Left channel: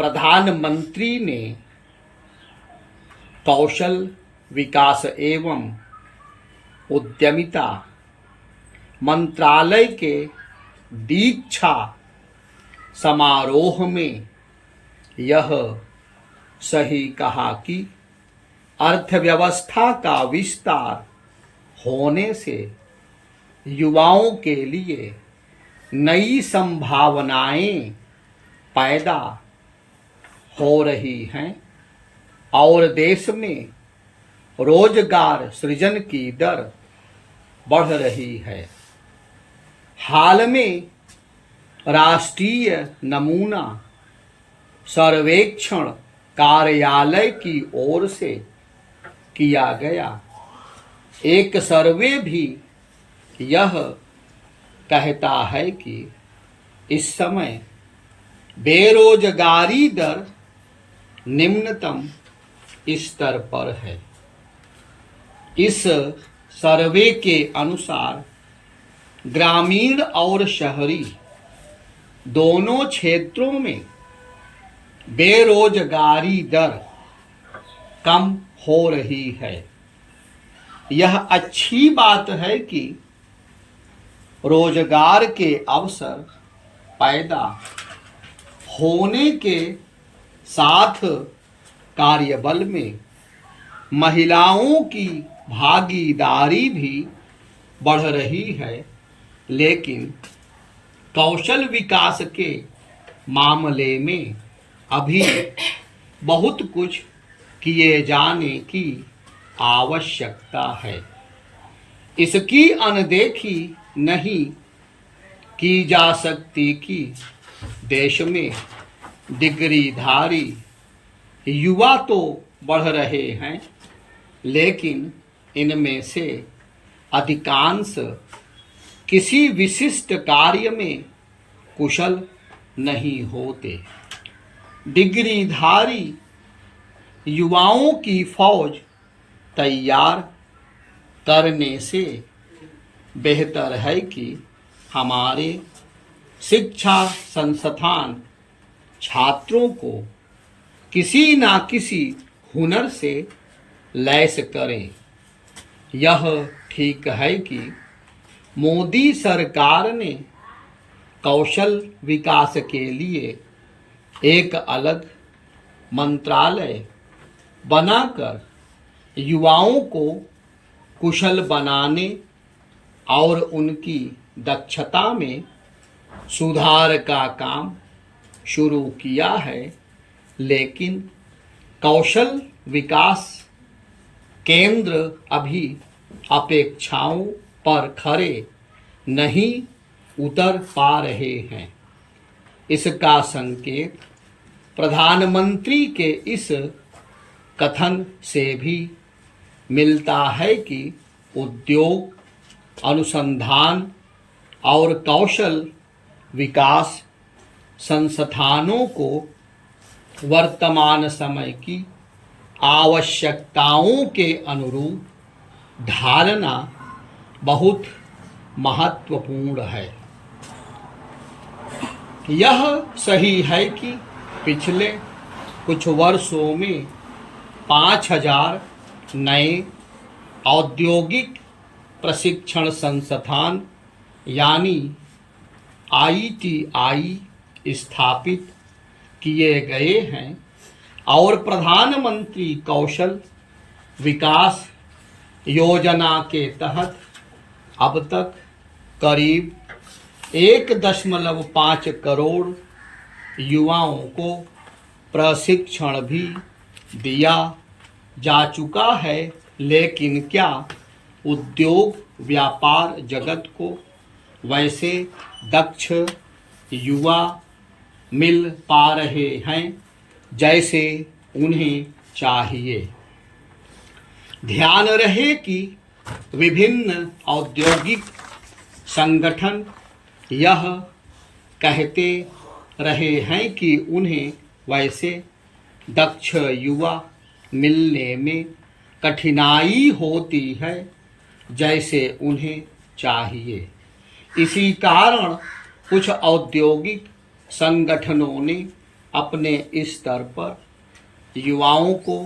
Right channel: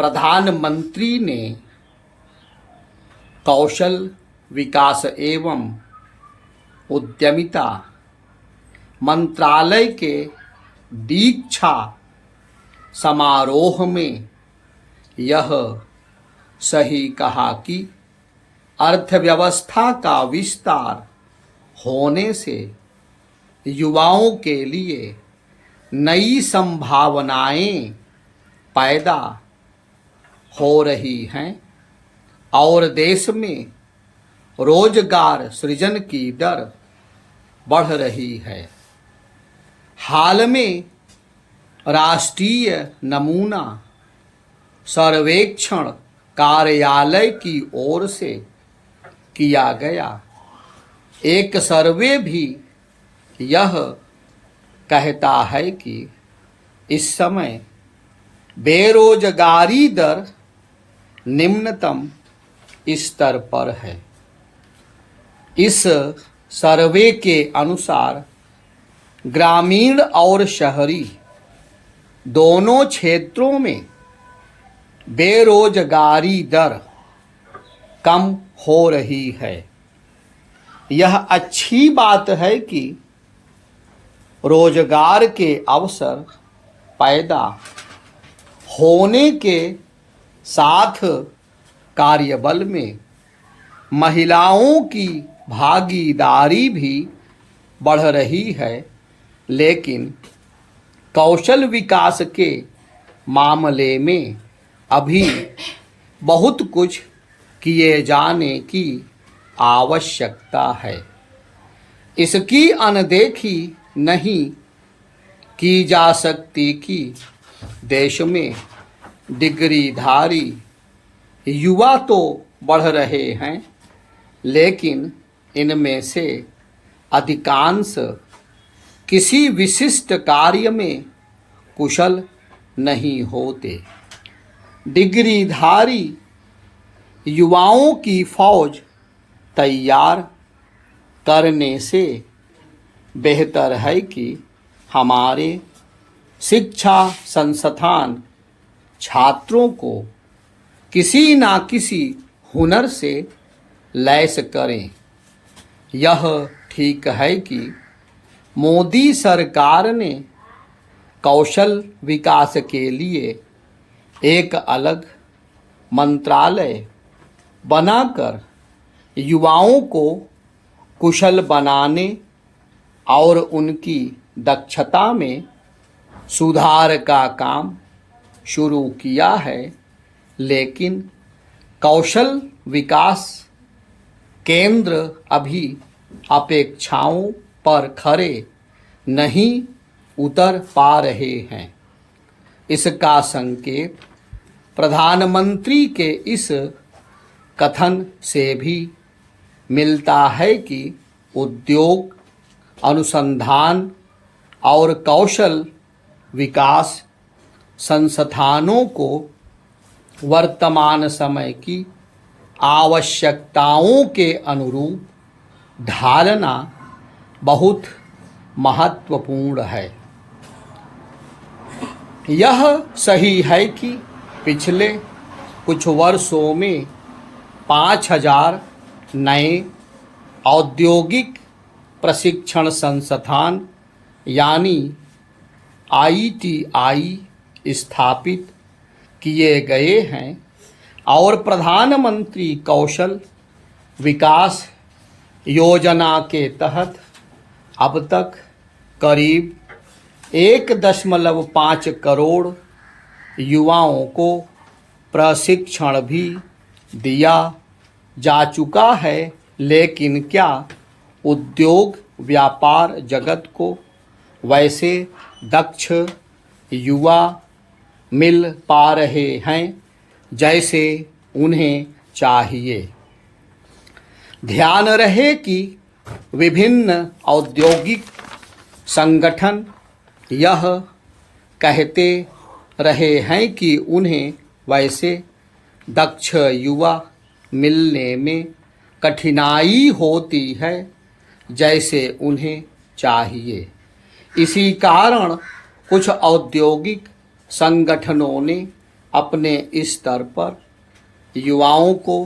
प्रधानमंत्री ने कौशल विकास एवं उद्यमिता मंत्रालय के दीक्षा समारोह में यह सही कहा कि अर्थव्यवस्था का विस्तार होने से युवाओं के लिए नई संभावनाएं पैदा हो रही हैं और देश में रोजगार सृजन की दर बढ़ रही है। हाल में राष्ट्रीय नमूना सर्वेक्षण कार्यालय की ओर से किया गया एक सर्वे भी यह कहता है कि इस समय बेरोजगारी दर निम्नतम स्तर पर है। इस सर्वे के अनुसार ग्रामीण और शहरी दोनों क्षेत्रों में बेरोजगारी दर कम हो रही है। यह अच्छी बात है कि रोजगार के अवसर पैदा होने के साथ कार्यबल में महिलाओं की भागीदारी भी बढ़ रही है, लेकिन कौशल विकास के मामले में अभी बहुत कुछ किए जाने की आवश्यकता है। इसकी अनदेखी नहीं की जा सकती कि देश में डिग्रीधारी युवा तो बढ़ रहे हैं, लेकिन इनमें से अधिकांश किसी विशिष्ट कार्य में कुशल नहीं होते। डिग्रीधारी युवाओं की फौज तैयार करने से बेहतर है कि हमारे शिक्षा संस्थान छात्रों को किसी ना किसी हुनर से लैस करें। यह ठीक है कि मोदी सरकार ने कौशल विकास के लिए एक अलग मंत्रालय बनाकर युवाओं को कुशल बनाने और उनकी दक्षता में सुधार का काम शुरू किया है, लेकिन कौशल विकास केंद्र अभी अपेक्षाओं पर खरे नहीं उतर पा रहे हैं। इसका संकेत प्रधानमंत्री के इस कथन से भी मिलता है कि उद्योग, अनुसंधान और कौशल विकास संस्थानों को वर्तमान समय की आवश्यकताओं के अनुरूप ढालना बहुत महत्वपूर्ण है। यह सही है कि पिछले कुछ वर्षों में 5000 नए औद्योगिक प्रशिक्षण संस्थान यानी ITI स्थापित किए गए हैं और प्रधानमंत्री कौशल विकास योजना के तहत अब तक करीब 1.5 करोड़ युवाओं को प्रशिक्षण भी दिया जा चुका है। लेकिन क्या उद्योग व्यापार जगत को वैसे दक्ष युवा मिल पा रहे हैं जैसे उन्हें चाहिए? ध्यान रहे कि विभिन्न औद्योगिक संगठन यह कहते रहे हैं कि उन्हें वैसे दक्ष युवा मिलने में कठिनाई होती है जैसे उन्हें चाहिए। इसी कारण कुछ औद्योगिक संगठनों ने अपने स्तर पर युवाओं को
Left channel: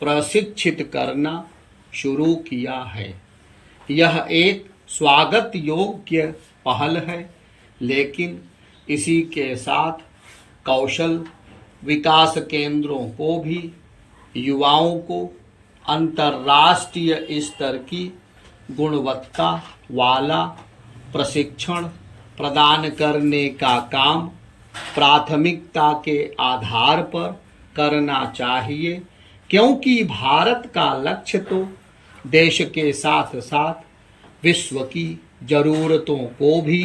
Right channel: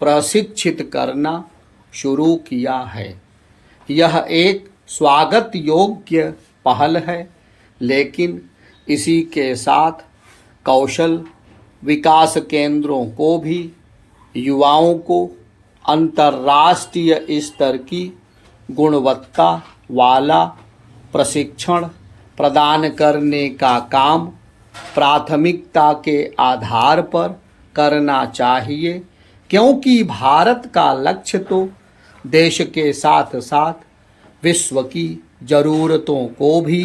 प्रशिक्षित करना शुरू किया है। यह एक स्वागत योग्य पहल है, लेकिन इसी के साथ कौशल विकास केंद्रों को भी युवाओं को अंतर्राष्ट्रीय स्तर की गुणवत्ता वाला प्रशिक्षण प्रदान करने का काम प्राथमिकता के आधार पर करना चाहिए, क्योंकि भारत का लक्ष्य तो देश के साथ साथ विश्व की ज़रूरतों को भी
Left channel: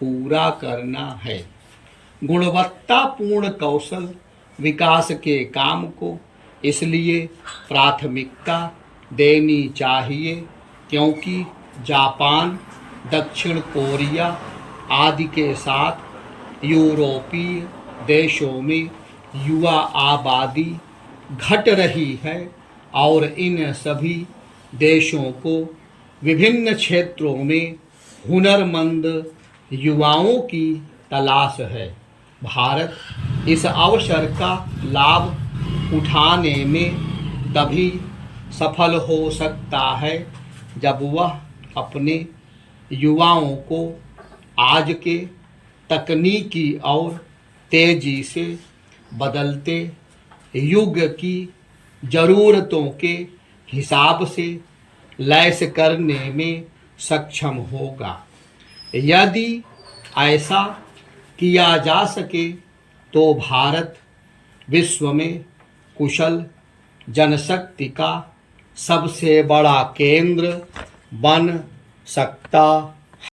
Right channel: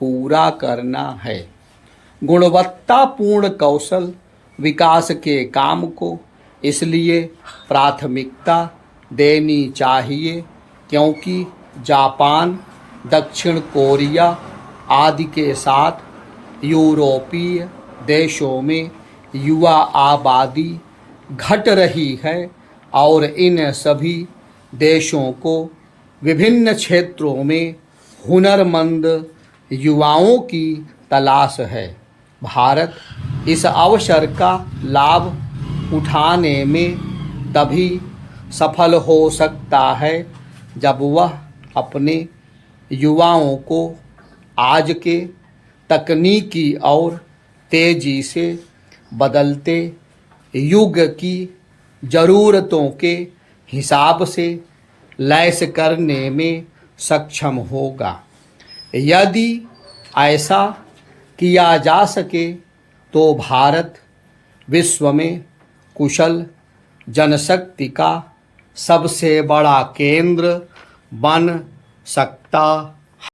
पूरा करना है। गुणवत्तापूर्ण कौशल विकास के काम को इसलिए प्राथमिकता देनी चाहिए क्योंकि जापान, दक्षिण कोरिया आदि के साथ यूरोपीय देशों में युवा आबादी घट रही है और इन सभी देशों को विभिन्न क्षेत्रों में हुनरमंद युवाओं की तलाश है। भारत इस अवसर का लाभ उठाने में तभी सफल हो सकता है जब वह अपने युवाओं को आज के तकनीकी और तेजी से बदलते युग की ज़रूरतों के हिसाब से लैस करने में सक्षम होगा। यदि ऐसा किया जा सके तो भारत विश्व में कुशल जनशक्ति का सबसे बड़ा केंद्र बन सकता